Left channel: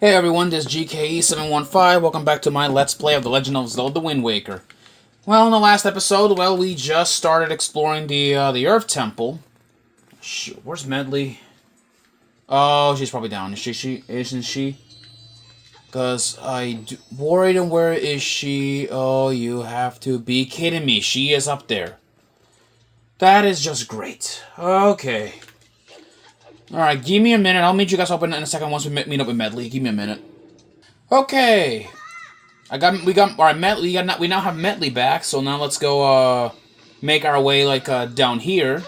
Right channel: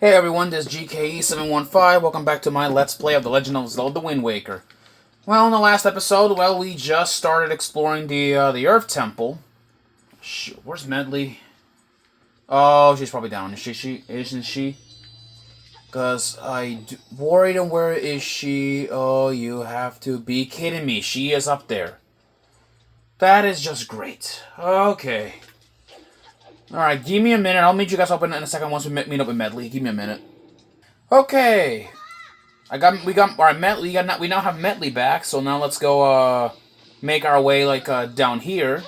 Hey everyone, this is GKE715. Welcome back to my Let's Play of The Legend of Zelda Wind Waker. Well, in the last episode, we just started exploring the Earth Temple. Where's Medley? Oh, she's probably down. Isn't she? Because worried on where is she? Oh, you have to be kidding me. She is up there. That is just great. Okay. Alright, give me a minute. I'll meet you guys up in a second once we meet up with Medley. Give me a minute. Okay. We now have Medley back, so now let's go make our way down here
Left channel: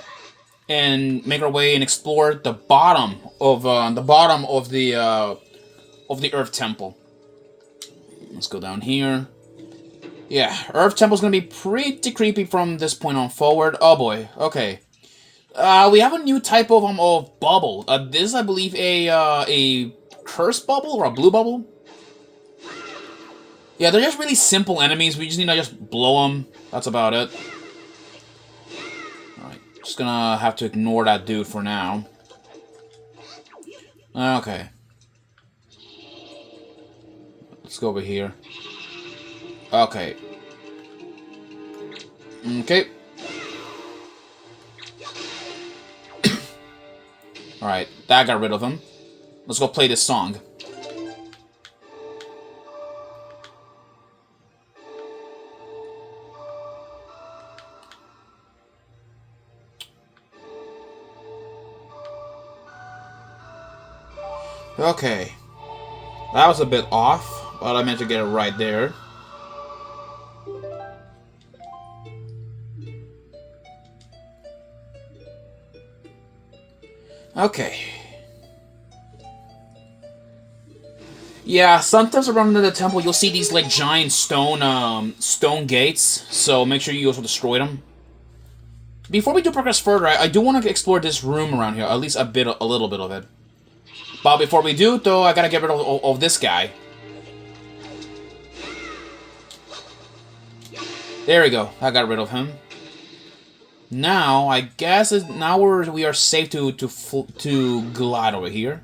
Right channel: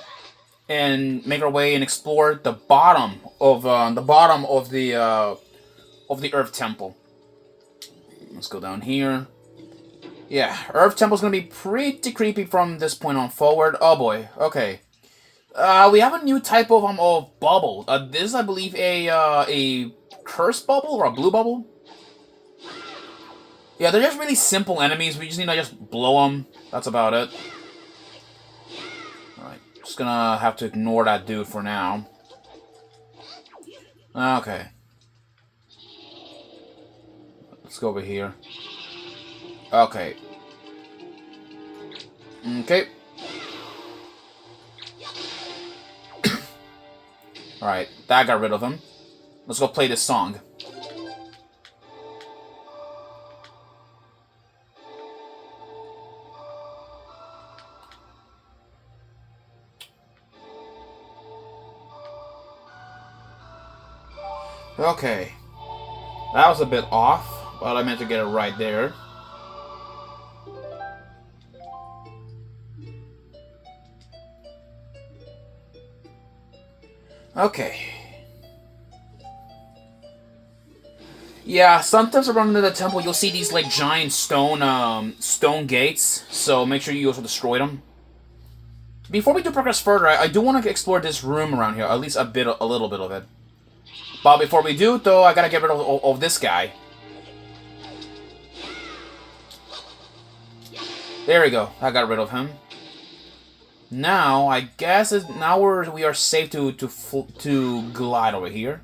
and make our way and explore the bottom of the Earth Temple. Let's go down here. Yeah, Earth Temple's gonna be pretty creepy from this point on forward. Oh boy. Okay. We have a new type of bubble. This is, I believe, a curse bubble or a blue bubble. Yeah, they're just really simple enemies. We just need to just blow them. That's about it. Alright, just gonna have to ignore that dude for now. Okay. Let's go over here. Okay. Okay. Alright, that got rid of him. Let's go play this song. Okay. That was a bit off, but I meant to get it right there. Okay. Yeah, sometimes around the temple you'll see these giant stone gates, so make sure you also destroy them. Before we do progress further, I do want to explore this room around here, at least a little bit of it. But before we do, though, I gotta get rid of this guy. There we go. I got rid of him. Now, I guess we are safe to glide over here.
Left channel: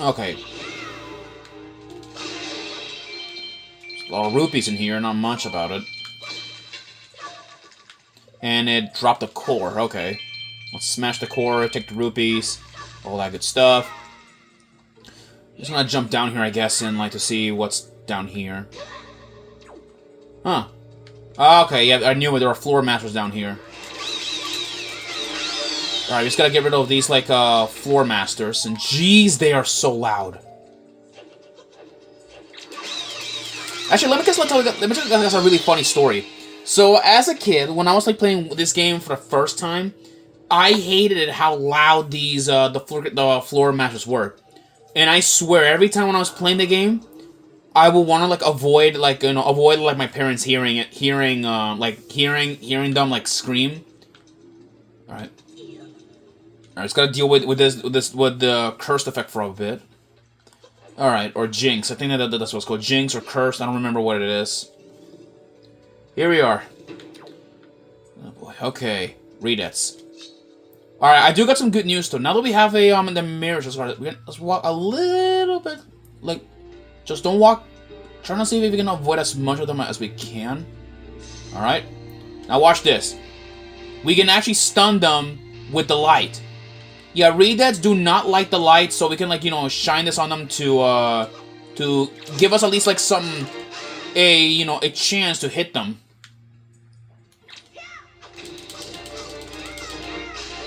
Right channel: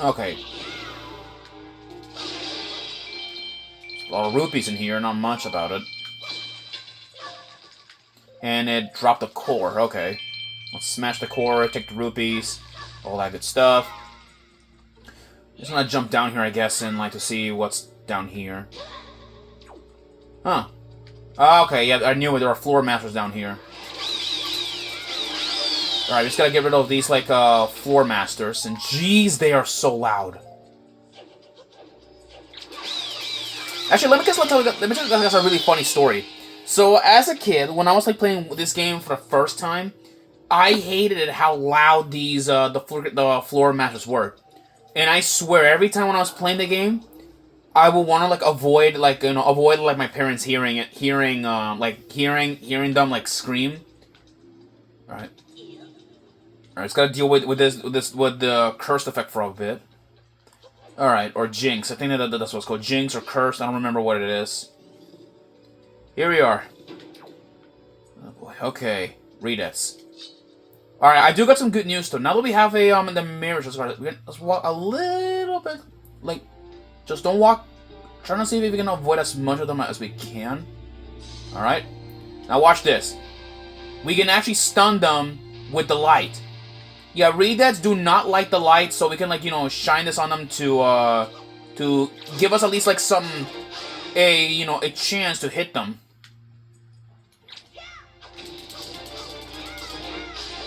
Okay. A lot of rupees in here, not much about it. And it dropped a core, okay. Let's smash the core, take the rupees, all that good stuff. Just gonna jump down here, I guess, and to see what's down here. Huh. Okay, yeah, I knew there were floor masters down here. Alright, we just gotta get rid of these, floor masters. And jeez, they are so loud. Actually, let me tell you guys a really funny story. So, as a kid, when I was playing this game for the first time, I hated how loud these the floor masters were, and I swear every time when I was playing the game, I would want to avoid my parents hearing them scream. All right, it's gotta deal with the cursed effect for a bit. All right, or jinx. I think that's what's called, jinx or cursed. I don't remember what it is. Here we are. Oh boy. Okay. Redettes. Alright, I do got some good news though. Now that we have the mirrors, let's walk a little bit. Just don't walk. Trying to see if we can avoid as much of them as we can. Alright. Now watch this. We can actually stun them with the light. Yeah, Redettes do not like the light, so we can shine this on them to give us at least a chance to hit them.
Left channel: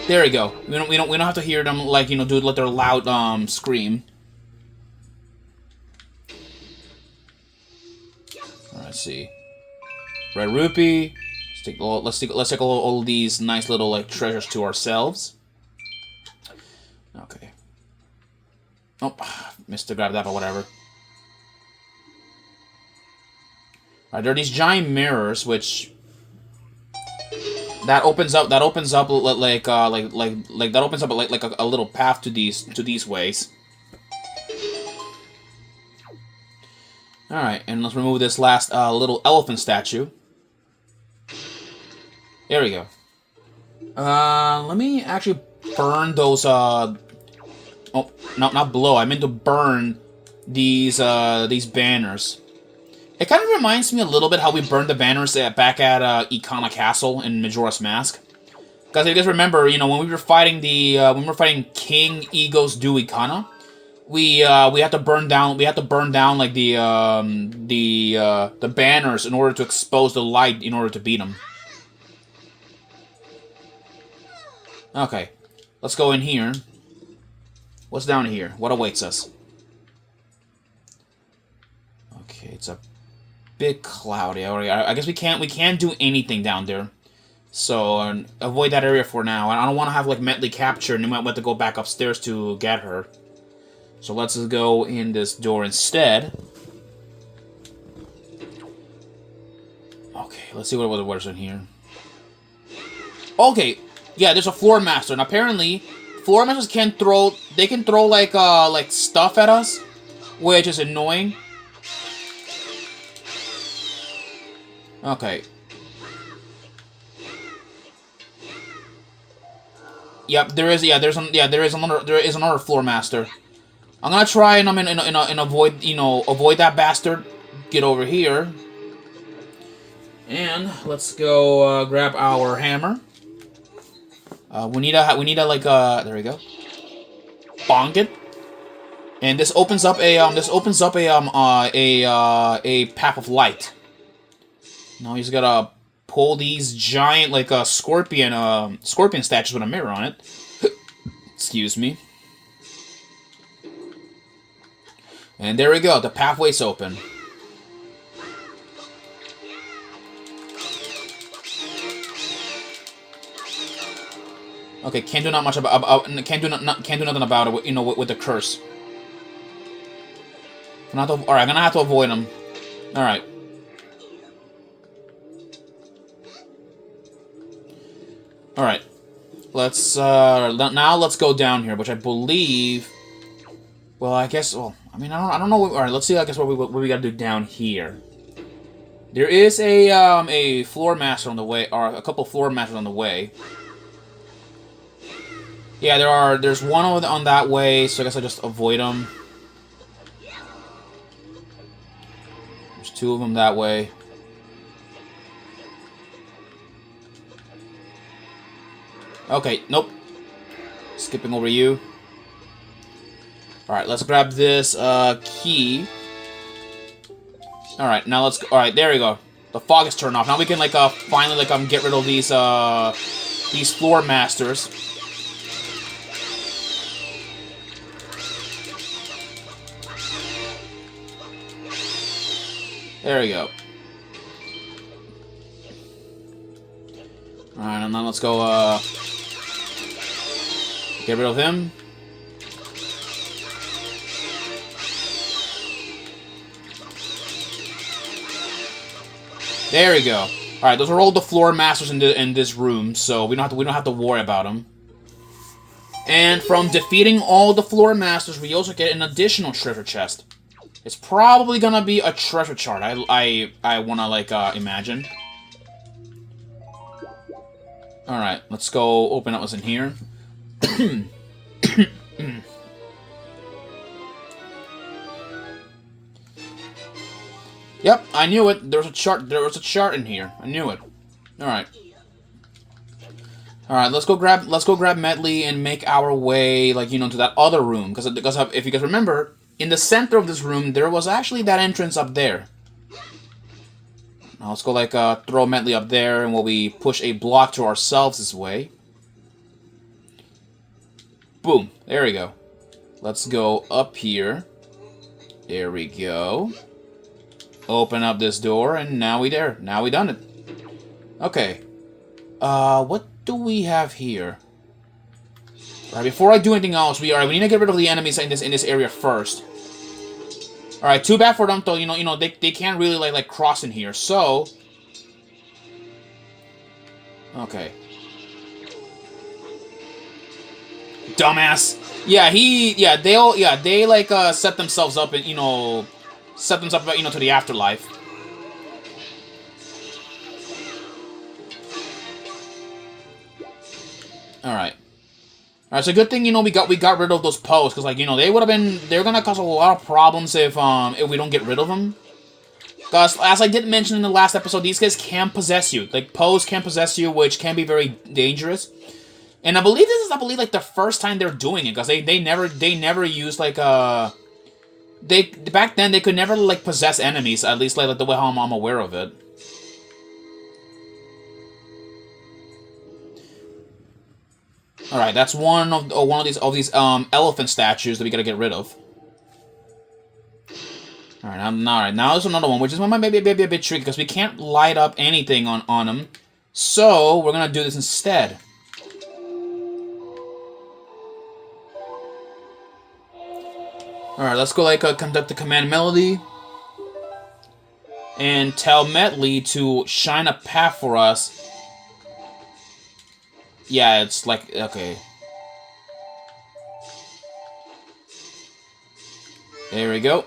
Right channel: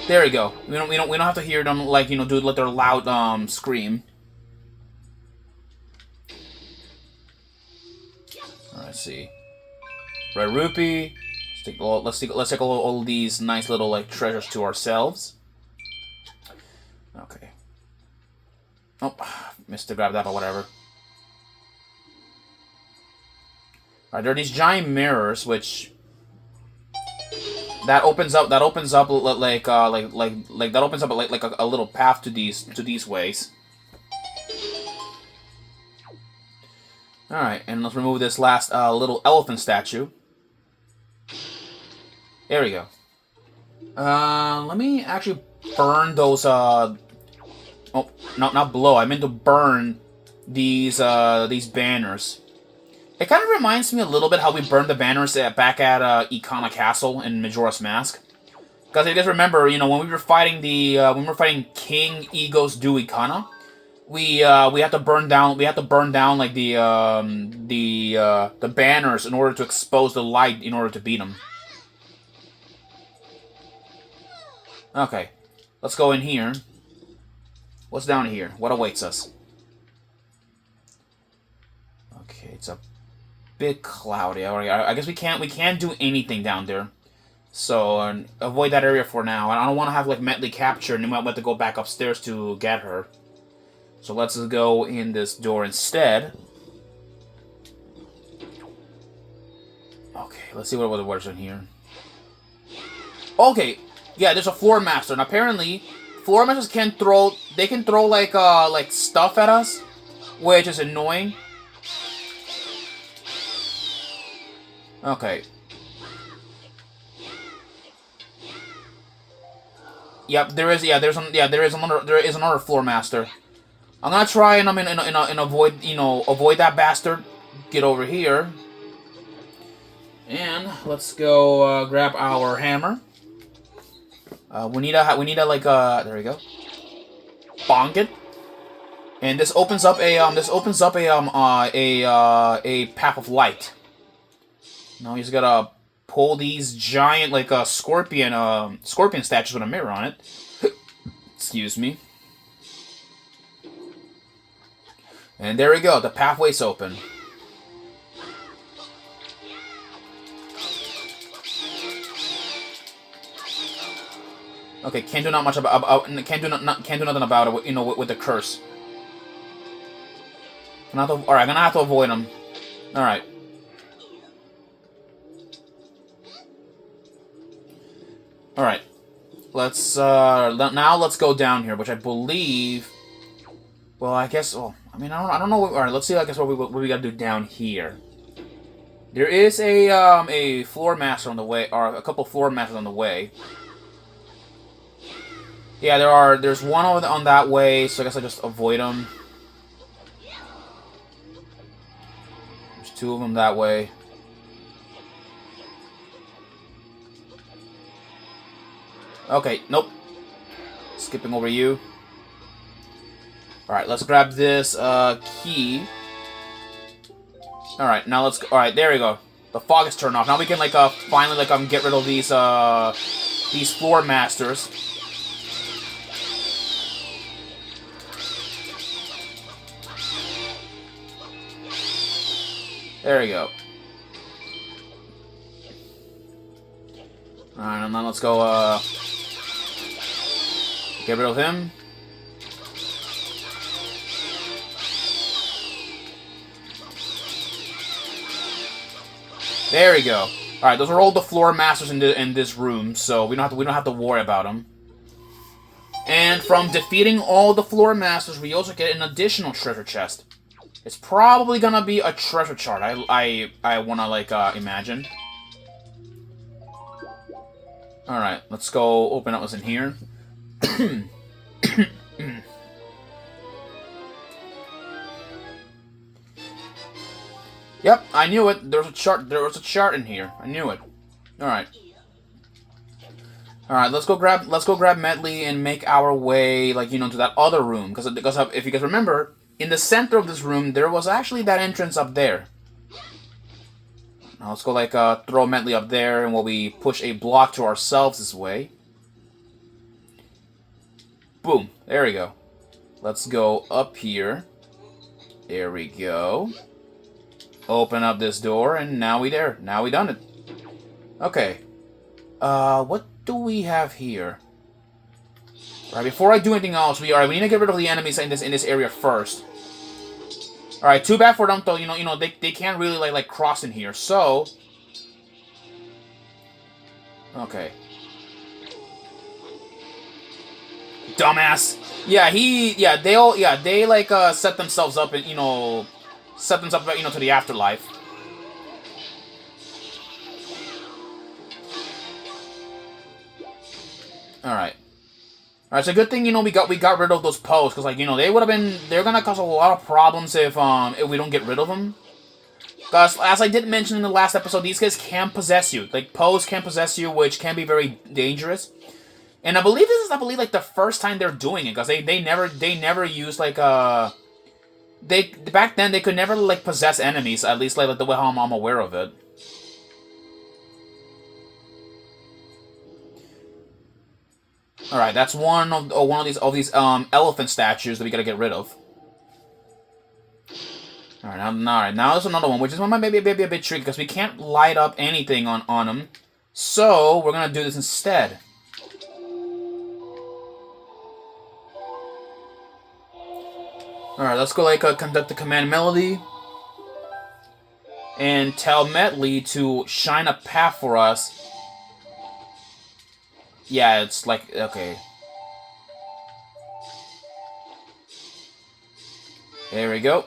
There we go. We don't have to hear them do their loud scream. Alright, let's see. Red rupee. Let's take all these nice little treasures to ourselves. Okay. Oh, missed to grab that, but whatever. Alright, there are these giant mirrors which that opens up a little path to these ways. All right, and let's remove this last little elephant statue. There we go. Let me actually burn those, oh, no, not blow. I meant to burn these banners. It kind of reminds me a little bit how we burned the banners back at Ikana Castle in Majora's Mask. Because if you guys remember, you know, when we were fighting King Ego's Du Ikana, we had to burn down like the banners in order to expose the light in order to beat him. Okay, let's go in here. What's down here? What awaits us? Okay, it's a bit cloudy. I guess we can't do anything down there. So avoid that area for now. I don't want to have like Metley captured, and we might have to go back upstairs to get her. So let's just go in this door instead. Okay, let's see what's in here. Okay, yeah, there's a floor master, and apparently floor masters can throw like stuff at us, which is annoying. Okay. Yep, there is another floor master. I'm gonna try and avoid that bastard. Get over here. And let's go grab our hammer. We need a like there we go. Bonk it. And this opens up a path of light. Now he's gotta pull these giant like scorpion statues with a mirror on it. Excuse me. And there we go. The pathway's open. Okay, can't do not much can't do nothing about it. You know, with the curse. All right, I'm gonna have to avoid him. All right. All right. Let's now let's go down here, which I believe. Well, I guess. Well, I mean, I don't know. All right, let's see. I guess what we gotta do down here. There is a floor master on the way, or a couple floor masters on the way. Yeah, there's one on that way, so I guess I'll just avoid them. There's two of them that way. Okay, nope. Skipping over you. Alright, let's grab this key. Alright, now let's go. Alright, there we go. The fog is turned off. Now we can like finally like get rid of these floor masters. There we go. Alright, now let's go get rid of him. There we go. All right, those are all the floor masters in this room, so we don't have to worry about them. And from defeating all the floor masters, we also get an additional treasure chest. It's probably gonna be a treasure chart. I wanna like imagine. All right, let's go open up what's in here. Yep, I knew it. There was a chart in here. I knew it. All right. All right, let's go grab Metley and make our way, like, you know, to that other room. Because if you guys remember, in the center of this room, there was actually that entrance up there. Now let's go, like, throw Metley up there, and while we push a block to ourselves this way. Boom. There we go. Let's go up here. There we go. Open up this door, and now we there. Now we done it. Okay. What do we have here? Alright, before I do anything else, we need to get rid of the enemies in this area first. Alright, too bad for them though, you know, they can't really like cross in here, so. Okay. Dumbass. Yeah, they like set themselves up and, you know, to the afterlife. Alright. Alright, so good thing, you know, we got rid of those posts, because, like, you know, they're gonna cause a lot of problems if we don't get rid of them. Because, as I did mention in the last episode, these guys can possess you. Like, posts can possess you, which can be very dangerous. And I believe this is, like, the first time they're doing it, because they never used, like, back then, they could never, like, possess enemies, at least, like the way I'm aware of it. Alright, that's one of these elephant statues that we gotta get rid of. Alright, now there's another one, which is maybe a bit tricky, because we can't light up anything on them. So, we're gonna do this instead. Alright, let's go, like, conduct the command melody. And tell Metley to shine a path for us. Yeah, it's like, okay. There we go.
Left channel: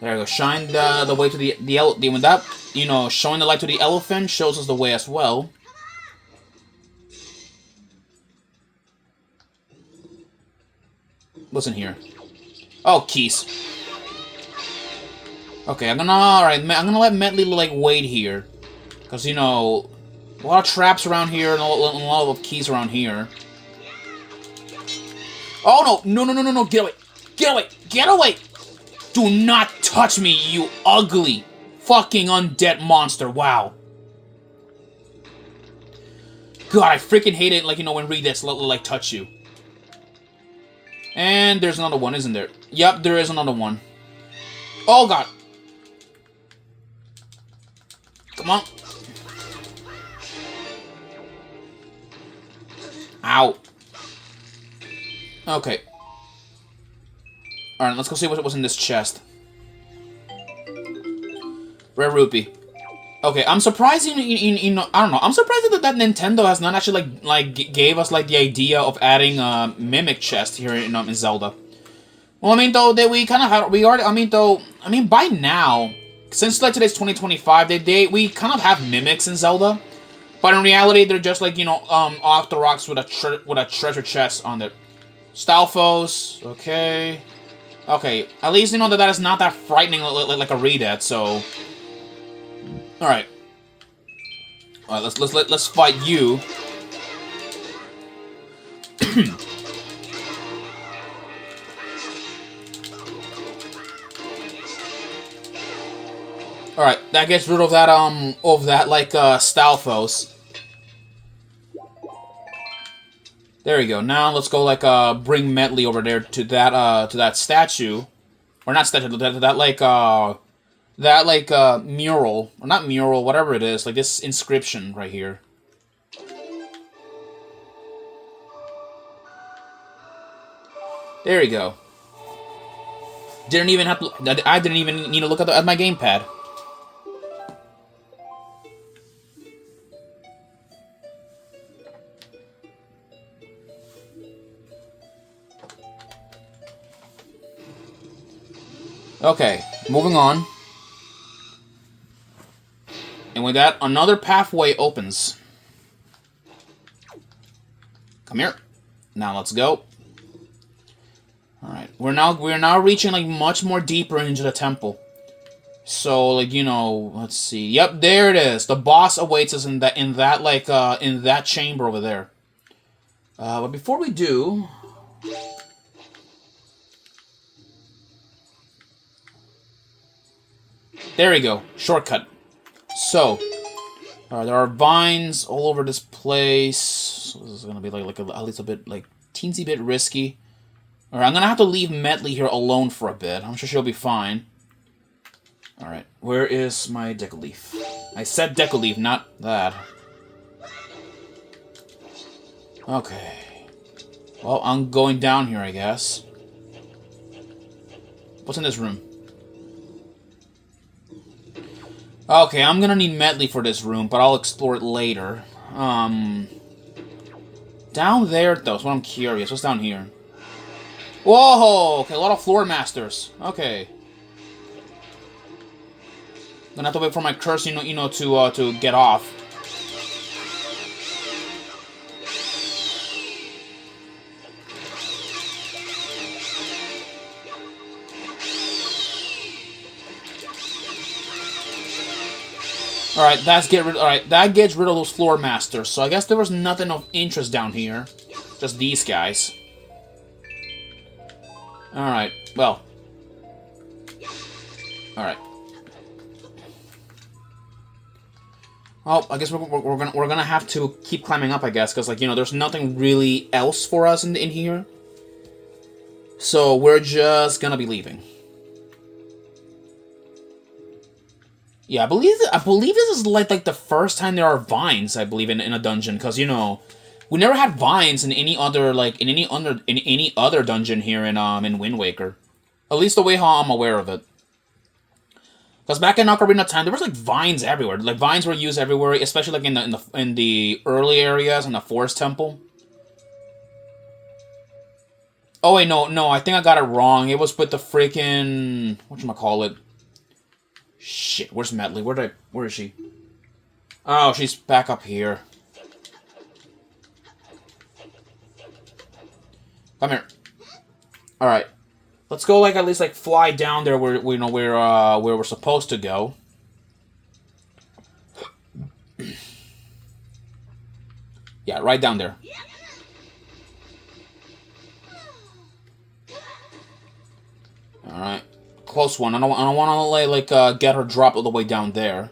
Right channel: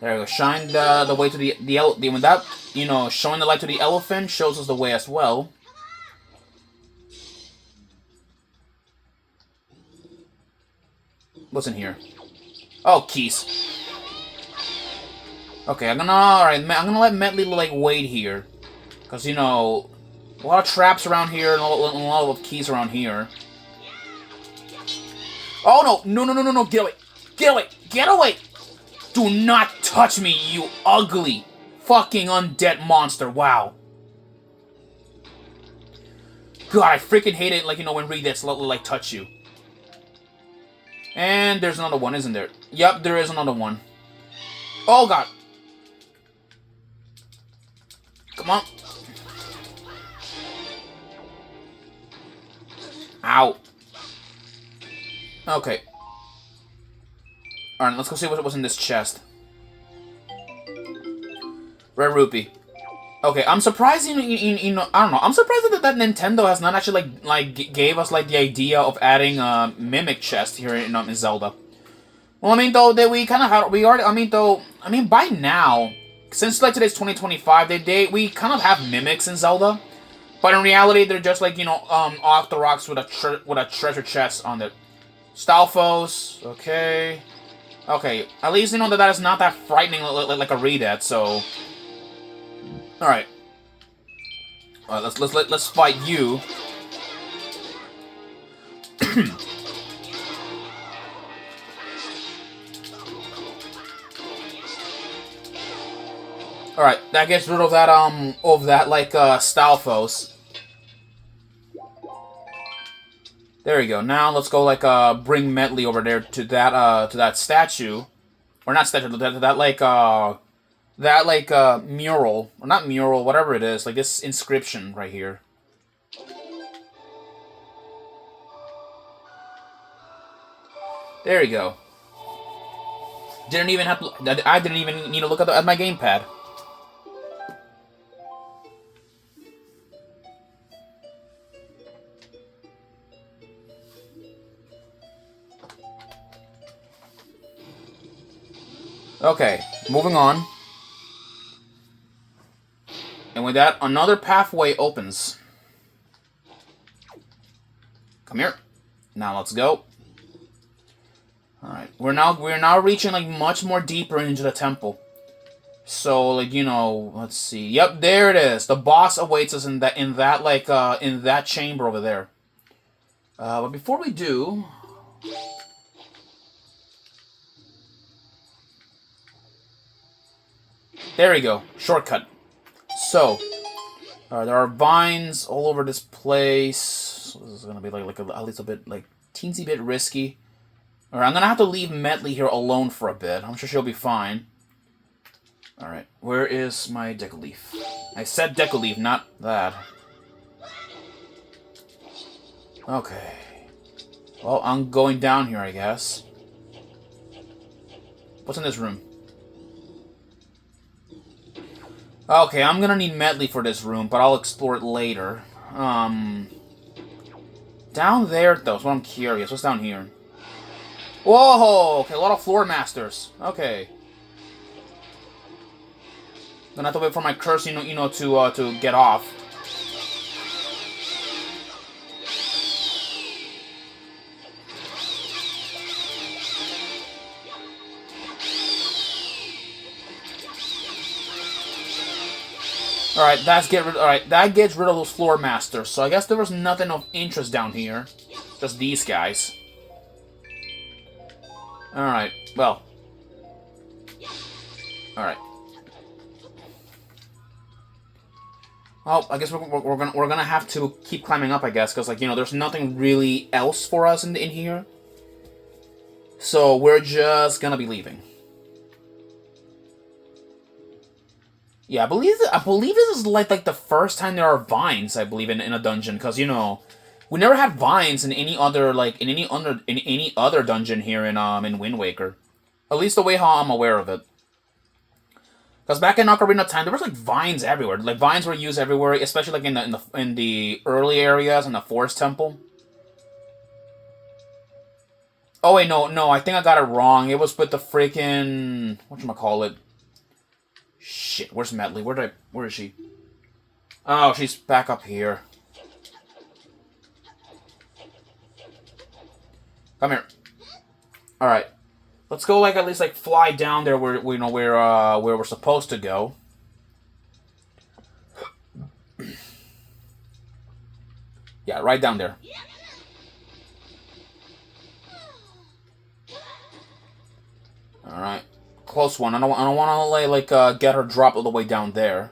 There we go. Shine the way to the when that, you know, showing the light to the elephant shows us the way as well. What's in here? Oh, keys. Okay, I'm gonna let Metley, like, wait here. Because, you know, a lot of traps around here and a lot of keys around here. Oh, no, get away! Get away! Get away! Do not touch me, you ugly fucking undead monster, wow. God, I freaking hate it, like, you know, when Redets, like, touch you. And there's another one, isn't there? Yep, there is another one. Oh, God. Come on. Ow. Okay. Alright, let's go see what was in this chest. Rare rupee. Okay, I'm surprised, you know, I don't know. I'm surprised that Nintendo has not actually, like gave us, like, the idea of adding a mimic chest here in Zelda. Well, I mean, though, that we kind of had, I mean, by now, since, like, today's 2025, we kind of have mimics in Zelda. But in reality, they're just, like, you know, off the rocks with a treasure chest on it. Stalfos, okay. Okay, at least, you know, that is not that frightening like a Redet, so... Alright. Alright, let's fight you. Alright, that gets rid of that, like, Stalfos. There we go. Now let's go, like, bring Metley over there to that statue. Or not statue, that, like, mural. Or not mural, whatever it is. Like, this inscription right here. There you go. Didn't even have to... I didn't even need to look at my gamepad. Okay, moving on. And with that, another pathway opens. Come here. Now let's go. Alright, we're now reaching, like, much more deeper into the temple. So, like, you know, let's see. Yep, there it is. The boss awaits us in that chamber over there. But before we do... There we go. Shortcut. So, there are vines all over this place. So this is gonna be like at least a bit, like, teensy bit risky. Alright, I'm gonna have to leave Metley here alone for a bit. I'm sure she'll be fine. Alright, where is my Deca-Leaf? I said Deca-Leaf, not that. Okay. Well, I'm going down here, I guess. What's in this room? Okay, I'm gonna need Metley for this room, but I'll explore it later. Down there, though, is what I'm curious. What's down here? Whoa! Okay, a lot of floor masters. Okay. Gonna have to wait for my curse, to get off. Alright, that gets rid of those floor masters. So I guess there was nothing of interest down here. Just these guys. Alright, well. Alright. Well, I guess we're gonna have to keep climbing up, I guess, because, like, there's nothing really else for us in here. So we're just gonna be leaving. Yeah, I believe this is like the first time there are vines, I believe, in a dungeon, because we never had vines in any other dungeon here in Wind Waker. At least the way how I'm aware of it. Because back in Ocarina of Time, there was like vines everywhere. Like vines were used everywhere, especially like in the early areas in the Forest Temple. Oh wait, no, I think I got it wrong. It was with the freaking whatchamacallit. Shit, where's Medley? Where is she? Oh, she's back up here. Come here. All right, let's go. Like at least like fly down there where we're supposed to go. Yeah, right down there. All right. Close one. I don't want to get her drop all the way down there.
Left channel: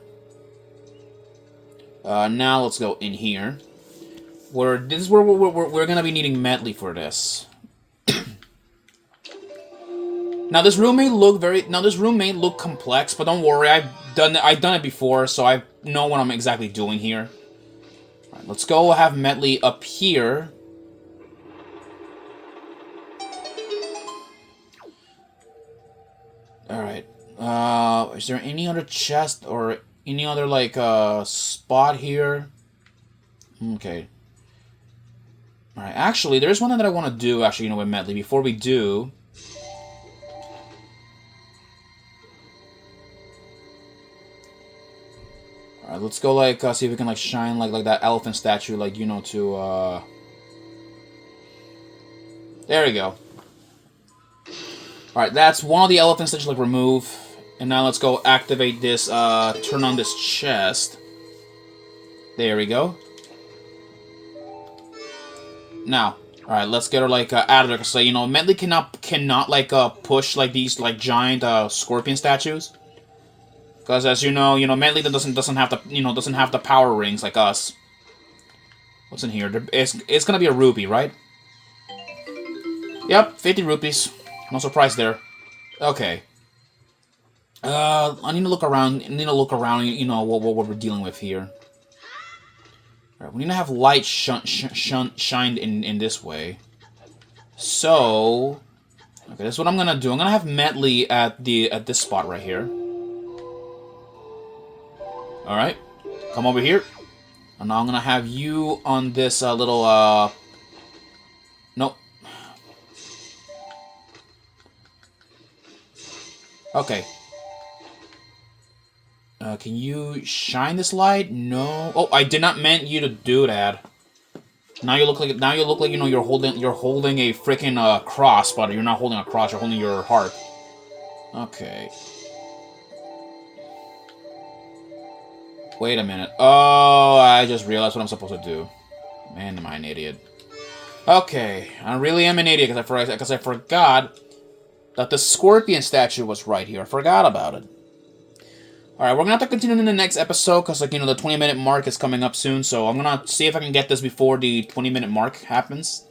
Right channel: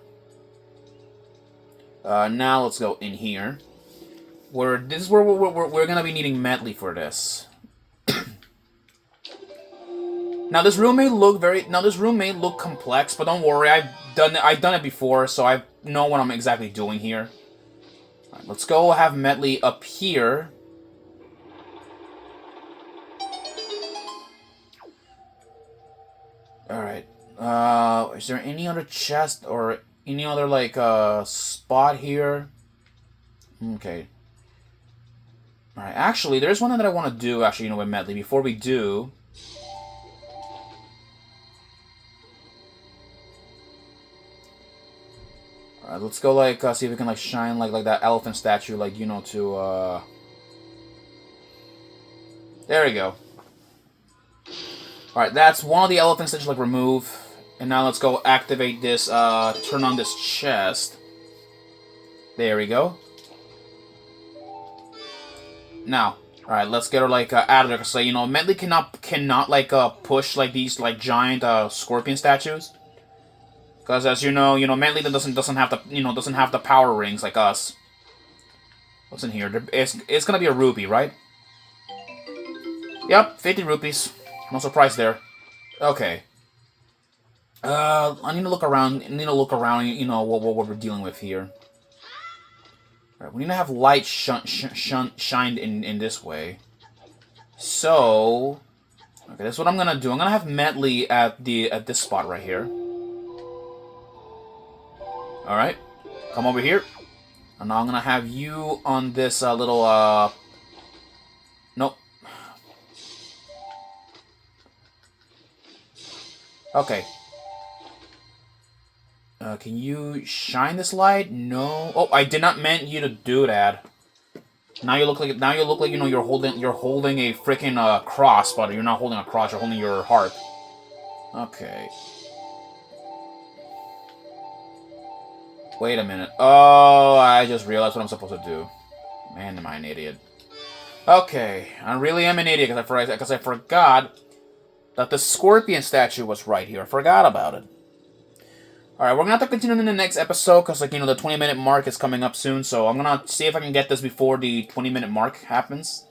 Now let's go in here. This is where we're gonna be needing Medley for this. Now this room may look complex, but don't worry. I've done it before, so I know what I'm exactly doing here. All right, let's go have Medley up here. Alright. Is there any other chest or any other, like, spot here? Okay. Alright, actually, there's one that I want to do, actually, with Medley. Before we do... Alright, let's go, like, see if we can, like, shine, like that elephant statue, like, to, There we go. Alright, that's one of the elephants that you like remove. And now let's go activate this, turn on this chest. There we go. Now, alright, let's get her, like, out of there. Because, Medley cannot, like, push, like, these, like, giant, scorpion statues. Because, as you know, Medley doesn't have the power rings like us. What's in here? It's gonna be a rupee, right? Yep, 50 rupees. No surprise there. Okay. I need to look around. What we're dealing with here. All right, we need to have light shined in this way. So, okay, that's what I'm gonna do. I'm gonna have Medley at this spot right here. All right, come over here. And now I'm gonna have you on this little Nope. Okay. Can you shine this light? No. Oh, I did not meant you to do that. Now you look like you're holding a freaking cross, but you're not holding a cross. You're holding your heart. Okay. Wait a minute. Oh, I just realized what I'm supposed to do. Man, am I an idiot? Okay, I really am an idiot because I forgot that the scorpion statue was right here. I forgot about it. Alright, we're gonna have to continue in the next episode because, like, the 20-minute mark is coming up soon, so I'm gonna see if I can get this before the 20-minute mark happens.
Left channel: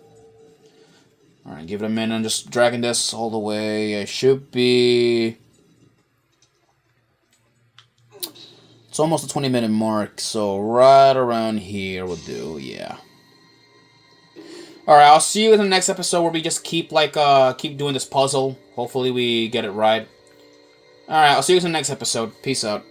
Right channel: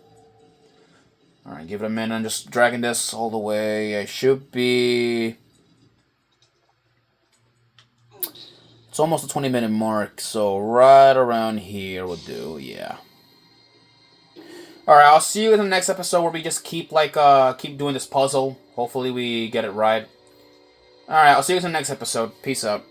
Alright, give it a minute. I'm just dragging this all the way. I should be... It's almost the 20-minute mark, so right around here will do, yeah. Alright, I'll see you in the next episode where we just keep doing this puzzle. Hopefully we get it right. Alright, I'll see you in the next episode. Peace out.